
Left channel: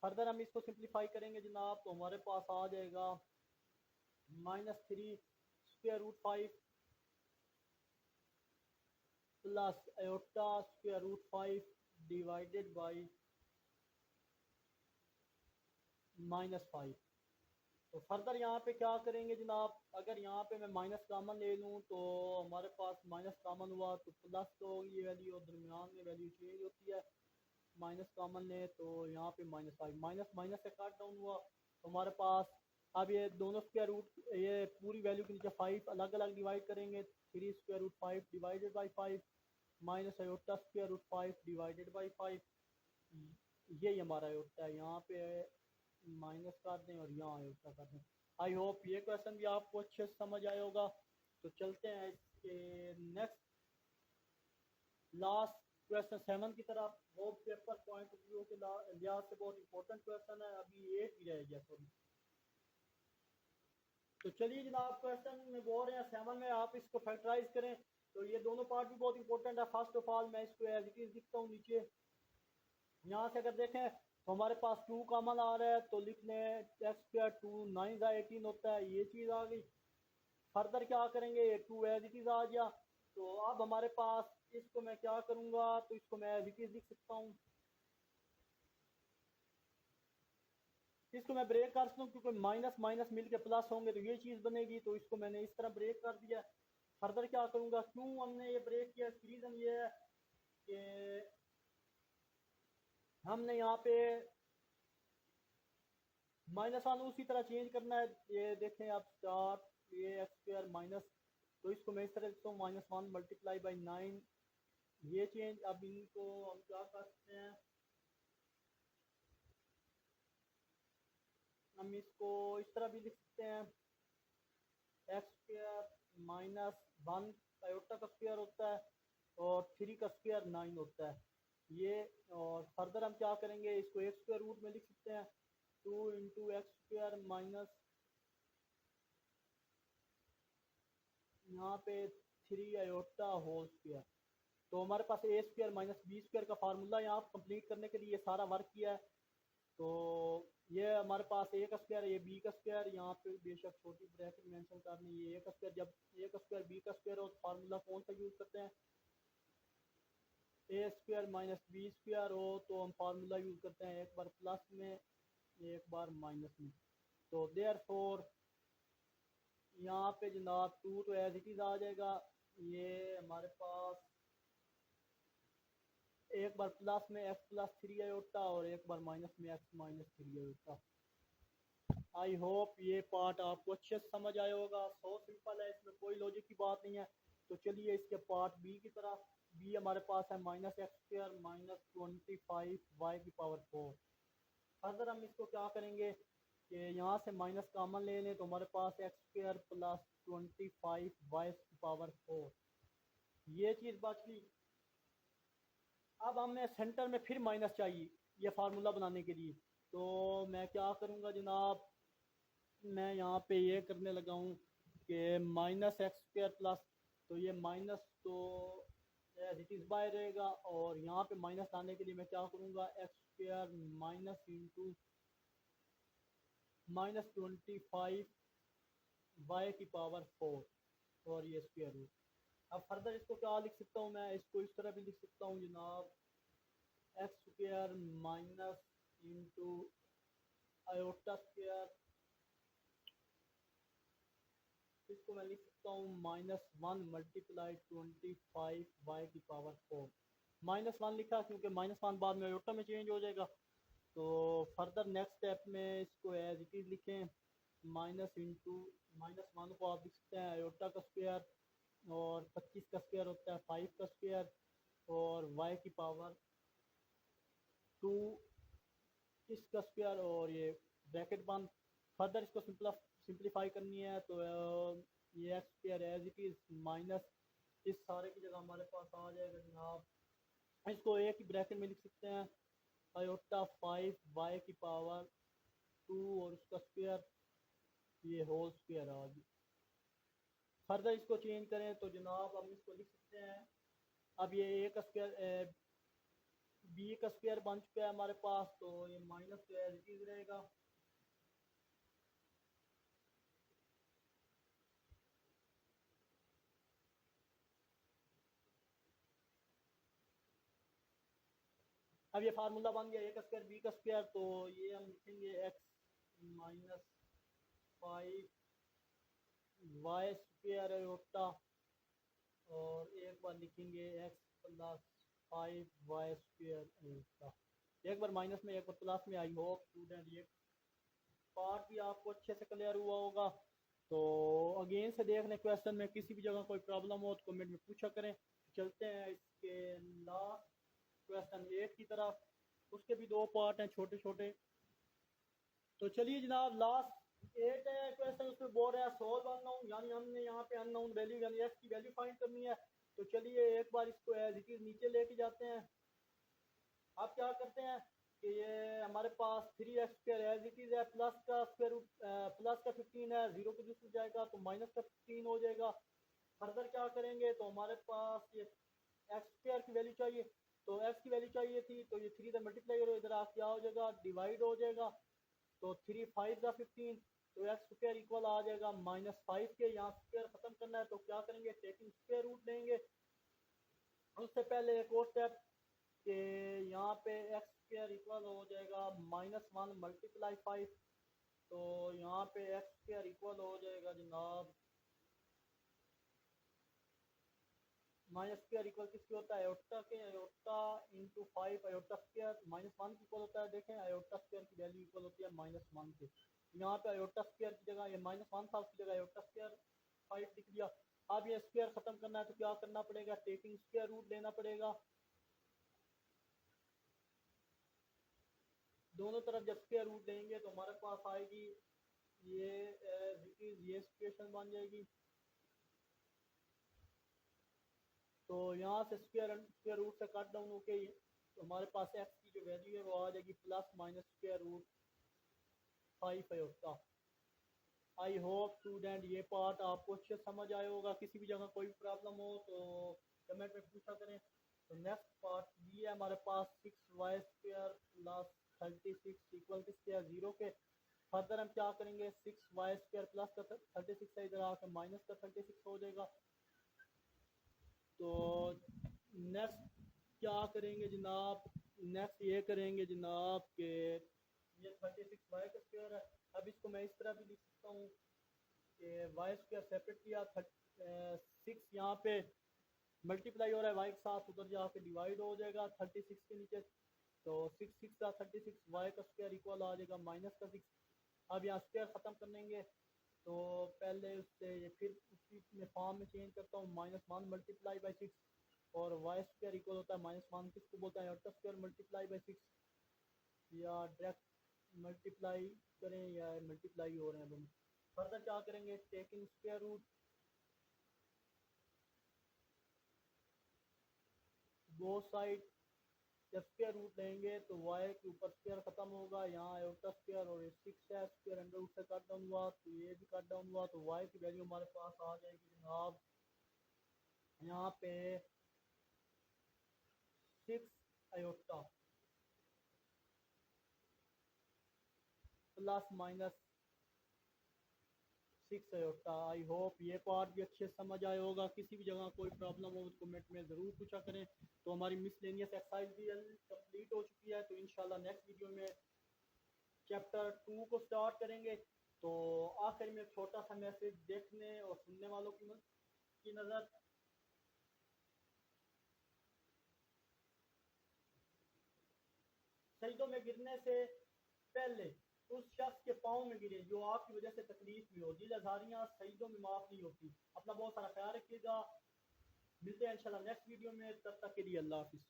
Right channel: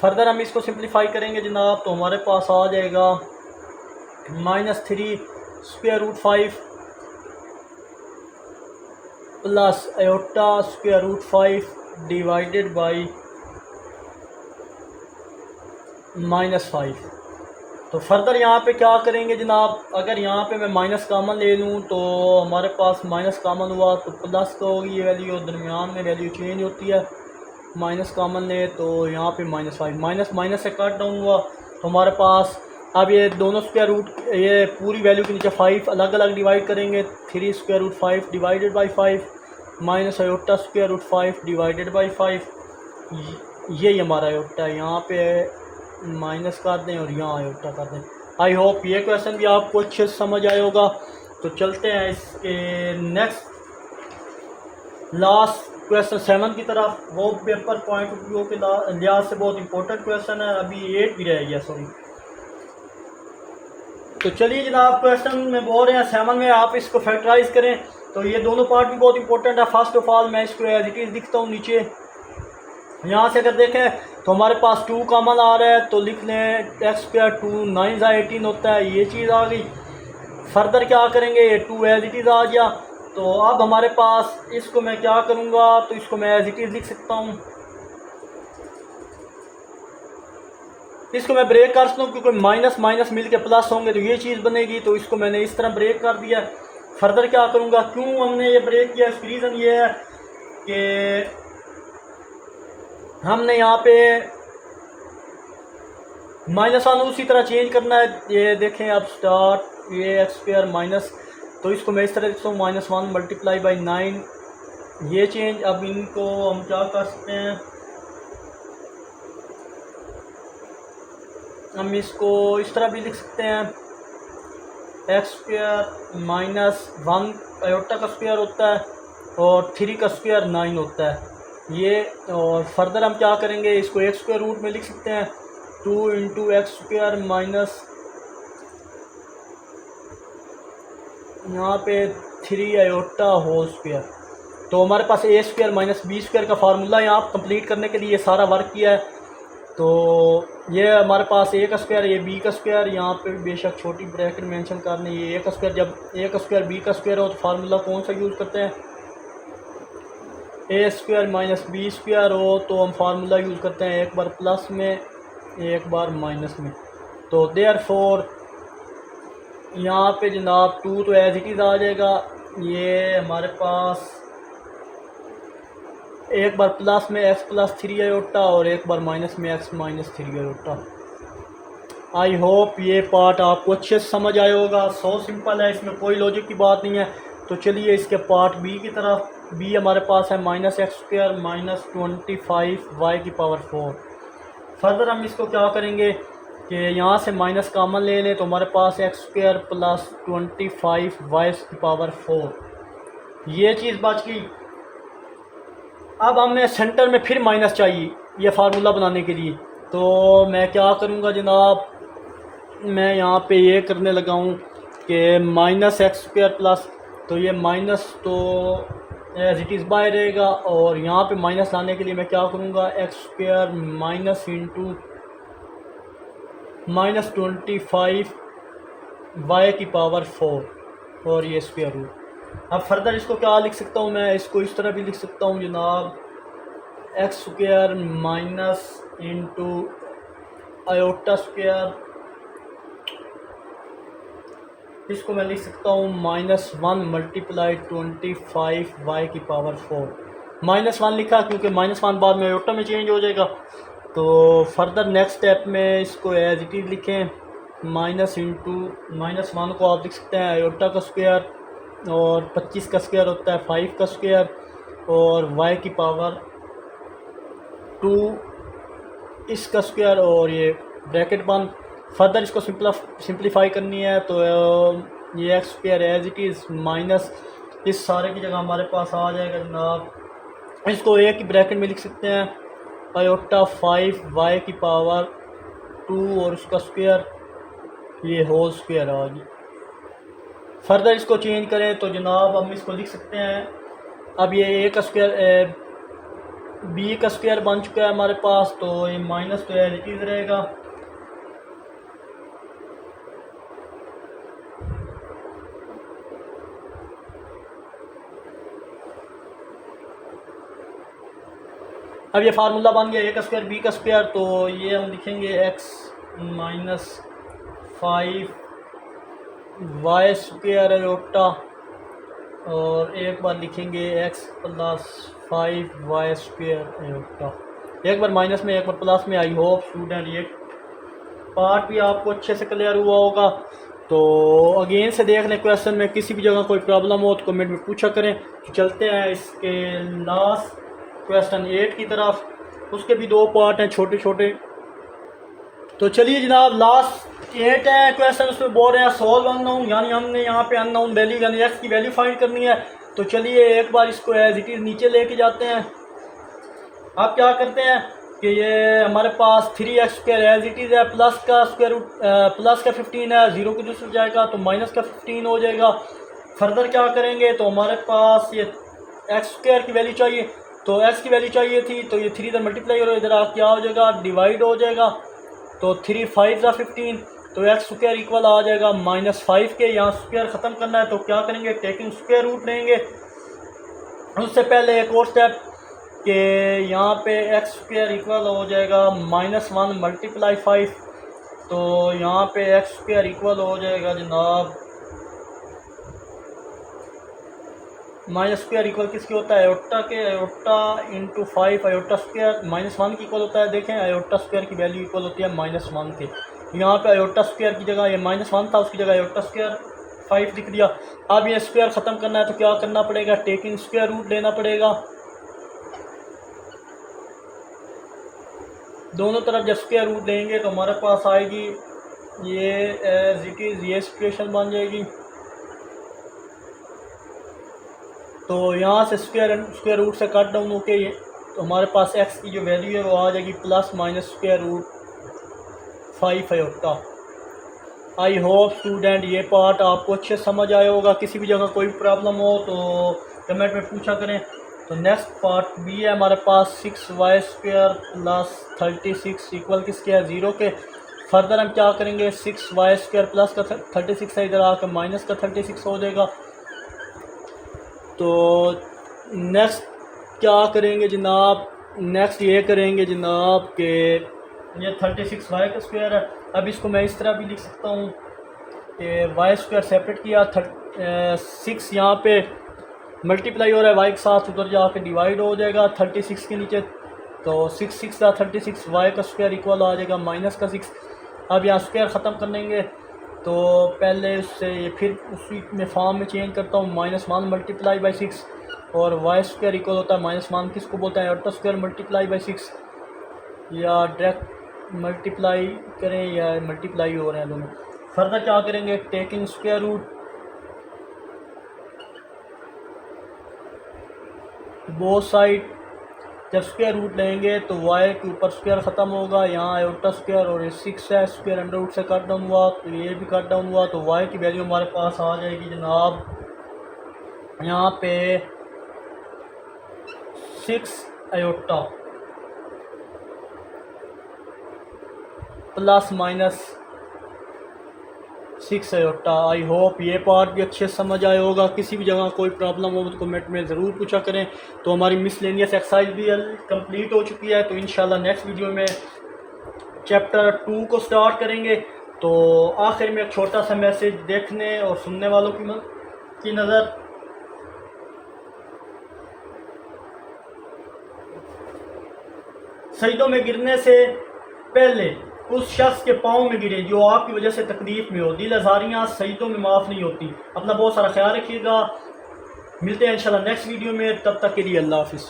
फर्दर हम इसको सिंप्लीफाई करेंगे जनाब तो हमारे पास आ जाएगा -3 square root 5 plus iota square root 5 divided by -5। तो फर्दर यहाँ पे क्या करेंगे जनाब, अगर यहाँ पे मैं माइनस कामन ले लूँ तो हमारे पास माइनस कामन हुआ तो प्लस का होगी ये वैल्यू, दरमियान में वैल्यू चेंज होती है, माइनस कामन ले तो यहाँ पे -5 माइनस माइनस से कट डाउन हुआ तो हमारे पास अब ये दोनों स्क्वायर रूट ये पूरी वैल्यू के नीचे 5 अलग अलग डिवाइड करेंगे, 3 square root 5 divided by 5 minus iota square root 5 divided by 5, ये हमारा आयोटा है, यहाँ पे माइनस कर दें और यहाँ आयोटा कर दें। आई होप ये क्वेश्चन भी आपको अच्छे से समझ आया होगा। तो चलते हैं इसके नेक्स्ट लास्ट क्वेश्चन 7 की तरफ। वो पेपर पॉइंट ऑफ व्यू के लिहाज से बहुत इंपॉर्टेंट क्वेश्चन है, अभी 8 भी रह गया सॉरी। तो चलिए जनाब क्वेश्चन में बोल रहे हैं 7 में आप इसको फैक्टराइज करें, तो ये दोनों पार्ट भी बहुत इंपॉर्टेंट है। फर्स्ट ऑफ ऑल मैं इसको एज इट इज़ लिखता हूँ नीचे, यहाँ से अगर देखें तो हमारे पास 2 कॉमन आ रहा है तो लिख लें x स्क्वायर 2 9 18 होता है, ये चीज़ आ गई। फर्दर क्या करेंगे, ये 2 एज इट इज़ आ गया। तो अब हमारे पास इसको मैं क्या करूँगा, तो इसको मैं एज इट इज़ लिख सकता हूँ, इसको मैं ब्रेक कर सकता हूँ क्योंकि माइनस माइनस मिल के प्लस होंगे तो ये चीज़ बनेगी, तो इसको मैंने इस तरह ब्रेक कर दिया। फर्दर क्या करूँगा, क्यों हमने ये ब्रेक किया, इसकी रीज़न ये है कि हमने यहाँ पे -1 उसी तरह चेंज करना है। ये देखें अब स्टार्ट ये एक्स स्क्वायर माइनस, तो इसको मैं इस तरह लिखता हूँ -1 मल्टीप्लाई बाई 9, ये चेंज। अब इनको हम क्या कर सकते हैं, हम इसको इस तरह भी लिख सकते हैं एक्स स्क्वायर -1 आयोटा का स्क्वायर होता है और 3 का स्क्वायर 9 होता है ये। और फर्दर हम क्या करेंगे, इसको एक्स स्क्वायर रूट में लिख सकते हैं 2 इंटू एक्स स्क्वायर माइनस यहाँ पे 3 आयोटा होल स्क्वायर। तो हमारे पास A square minus B square का फार्मूला यहाँ कंप्लीट करने के लिए ये सारा वर्क किया है। तो ये हमारे पास ए का स्क्वायर, ये बी का स्क्वायर, यहाँ पे बेशक छोटी ब्रैकेट मेंशन करनी, ये ए का स्क्वायर, जब ए का स्क्वायर बी का स्क्वायर हो तो फार्मूला कौन सा यूज़ करते हैं, ए स्क्वायर माइनस बी स्क्वायर हो तो हम फार्मूला यूज़ करते हैं एक बार प्लस में एक बार माइनस में। तो देयरफॉर यहाँ पे जनाब 2 तो एज इट इज़ आ जाएगा, ये हमारे पास एक बार प्लस में x प्लस 3 आयोटा और एक बार माइनस में x minus 3 iota. I hope ये पार्ट आपको अच्छे से समझ आया होगा। सो सिंपल है, इसमें कोई लॉजिक की बात नहीं है। तो चलिए इसके पार्ट बी की तरफ। बी हमारे पास है -x स्क्वायर माइनस 25 y की पावर 4। फर्दर हम इसको क्या करेंगे कि यहाँ से माइनस कॉमन ले लें तो हमारे पास x स्क्वायर प्लस 25 y की पावर 4, ये चीज़ बच गई। अब हमें सेंटर में फिर माइनस चाहिए ये फार्मूला बनाने के लिए, तो मैं क्या करूँगा जनाब, मैं यहाँ पे ये करने लगा हूँ कि -x स्क्वायर प्लस, तो ये माइनस तो एज इट इज़ बाय रहेगा और यहाँ पे माइनस लाने के लिए मैं क्या करूँगा, x square minus into -25 y की पावर 4 और ये स्क्वायर रूट। अब फर्दर इसको क्या लिख सकता हूँ मैं, इसको इस तरह भी लिख सकता हूँ जनाब, x square minus into iota square, इसको मैं लिख सकता हूँ -1 मल्टीप्लाई 25 y की पावर 4। -1 लिखा क्योंकि -1 बाद में आयोटा में चेंज हो जाएगा। तो फर्दर नेक्स्ट स्टेप में इसको एज इट इज़ लिखें, माइनस इंटू -1 को आप लिख सकते हैं आयोटा का स्क्वायर और 25 का स्क्वायर होता है 5 का स्क्वायर, और y की पावर 2 इसका स्क्वायर, और ये ब्रैकेट बंद। फर्दर इसको सिंप्लीफाई करनी है तो ये X square as it is minus इस सारे की जगह हमारे पास आ जाएगा जनाब। इसको एक ही ब्रैकेट में लिख सकते हैं, आयोटा 5 y की पावर 2 और उसका स्क्वायर, ये होल स्क्वायर आ गई। फर्दर इसको चेंज करें तो जनाब हम इसको लिख सकते हैं, अब ये ए का स्क्वायर बी का स्क्वायर बन चुका है हमारे पास, तो ये माइनस तो एज इट इज़ रहेगा। अब ये फार्मूला बन गया ए का स्क्वायर बी का स्क्वायर, तो ये हम लिखेंगे X minus 5 Y square iota, और एक बार लिखेंगे X plus 5 Y square iota, एक बार माइनस में एक बार प्लस में। आई होप स्टूडेंट ये पार्ट भी आपको अच्छे से क्लियर हुआ होगा। तो अगेन से देख लें, क्वेश्चन में किसी भी जगह कोई प्रॉब्लम हो तो कमेंट में पूछा करें। तो चलते हैं इसके लास्ट क्वेश्चन 8 की तरफ, उसके भी 2 पार्ट हैं छोटे छोटे। तो चलिए जनाब लास्ट 8 है क्वेश्चन, उसमें बोल रहे हैं सॉल्व अननोन, यानी हमने यहाँ पे अननोन वैल्यू यानी एक्स की वैल्यू फाइंड करनी है। तो चलिए एक बार इसको एज इट इज़ नीचे लेके जाते हैं। आप क्या करते हैं कि ये हमारे पास 3x square as it is है, प्लस का स्क्वायर रूट प्लस का 15 है, जीरो की दूसरी जाएगा तो माइनस का 15 हो जाएगा। फर्दर क्या करेंगे तो हमारे पास ये एक्स स्क्वायर की वैल्यू चाहिए, तो एक्स की वैल्यू चाहिए थी, तो ये 3 इधर मल्टीप्लाई करो, इधर आप क्या हो जाएगा डिवाइड हो जाएगा, तो 3 5 ज़ा 15, तो एक्स स्क्वायर इक्वल आ जाएगा -5 के। यहाँ स्क्वायर ख़त्म करना है तो क्या करेंगे टेकिंग स्क्वायर रूट लेंगे। उससे पहले एक और स्टेप कि यहाँ पे एक्स स्क्वायर इक्वल हो जाएगा -1 मल्टीप्लाई 5, तो यहाँ पे एक्स स्क्वायर इक्वल हो जाएगा जनाब माइनस स्क्वायर इक्वल किसके होता है आयोटा के, आयोटा इंटू 5 आयोटा स्क्वायर -1 की इक्वल होता है। देखें आयोटा स्क्वायर की वैल्यू इक्वल होती है -1 के, यहाँ पे आयोटा स्क्वायर की जगह ये -1 था, उसकी जगह आयोटा स्क्वायर 5 लिख दिया। अब ये स्क्वायर ख़त्म करना है तो क्या करना पड़ेगा टेकिंग स्क्वायर रूट लेना पड़ेगा। दोनों तरफ जब स्क्वायर रूट लेंगे तो हमारे पास आएगी ये एज इट इज़ ये सिचुएशन बन जाएगी। तो यहाँ से स्क्वायर रूट से कट डाउन होके ये तो हमारे पास एक्स की जो वैल्यू है वो आ जाएगी plus minus square root 5 iota. I hope student ये पार्ट आपको अच्छे समझ आया होगा। किसी भी जगह कोई प्रॉब्लम हो तो कमेंट में पूछा करें। तो नेक्स्ट पार्ट बी है हमारे पास 6y स्क्वायर प्लस 36 इक्वल किसके है 0 के। फर्दर हम क्या करेंगे 6y स्क्वायर प्लस का 36 है, इधर आकर माइनस का 36 हो जाएगा। तो नेक्स्ट क्या करेंगे जनाब, नेक्स्ट ये करेंगे जनाब कि ये 36y का स्क्वायर है। अब इसको मैं इस तरह भी लिख सकता हूँ कि वाई स्क्वायर सेपरेट किया 6 यहाँ पे मल्टीप्लाई हो रहा है वाई के साथ, उधर जाके डिवाइड हो जाएगा 36 के नीचे, तो 6 का 36 वाई का स्क्वायर इक्वल आ जाएगा माइनस का 6। अब यहाँ स्क्वायर ख़त्म करेंगे तो पहले उससे फिर उसी में फॉर्म में चेंज करता हूँ -1 मल्टीप्लाई बाई 6, और वाई स्क्वायर इक्वल होता है -1 किसको बोलते हैं आयोटा स्क्वायर मल्टीप्लाई बाई 6, या डायरेक्ट मल्टीप्लाई करें या मल्टीप्लाई हो रहे हैं दोनों। फर्दर क्या करेंगे taking square root both side, जब स्क्वायर रूट लेंगे तो y के ऊपर स्क्वायर ख़त्म होगा, यहाँ आयोटा स्क्वायर और 6 है, स्क्वायर अंडर रूट से कट डाउन हुआ तो ये भी कट डाउन हुआ, तो y की वैल्यू हमारे पास आ जाएगी जनाब यहाँ पे 6 iota plus minus 6 iota. I hope ये पार्ट भी अच्छे से समझ आया होगा। किसी भी जगह कोई प्रॉब्लम हो तो कमेंट में ज़रूर पूछा करें। तो हमारी मिसलेनियस एक्सरसाइज भी कंप्लीट हो चुकी है, तो इंशाल्लाह नेक्स्ट वीडियो में चैप्टर 2 को स्टार्ट करेंगे। तो आखिर में एक छोटा सा मैसेज देखने और सुनने वालों की नज़र, सजदों में गिरने से पहले उस शख्स के पाँव में गिरे जो आपकी वजह से तकलीफ में हो। दिल आज़ारियाँ सजदों में माफ़ नहीं होती। अपना बहुत सारा ख्याल रखिएगा। मिलते हैं इंशाल्लाह नेक्स्ट वीडियो में, तब तक के लिए अल्लाह हाफिज़।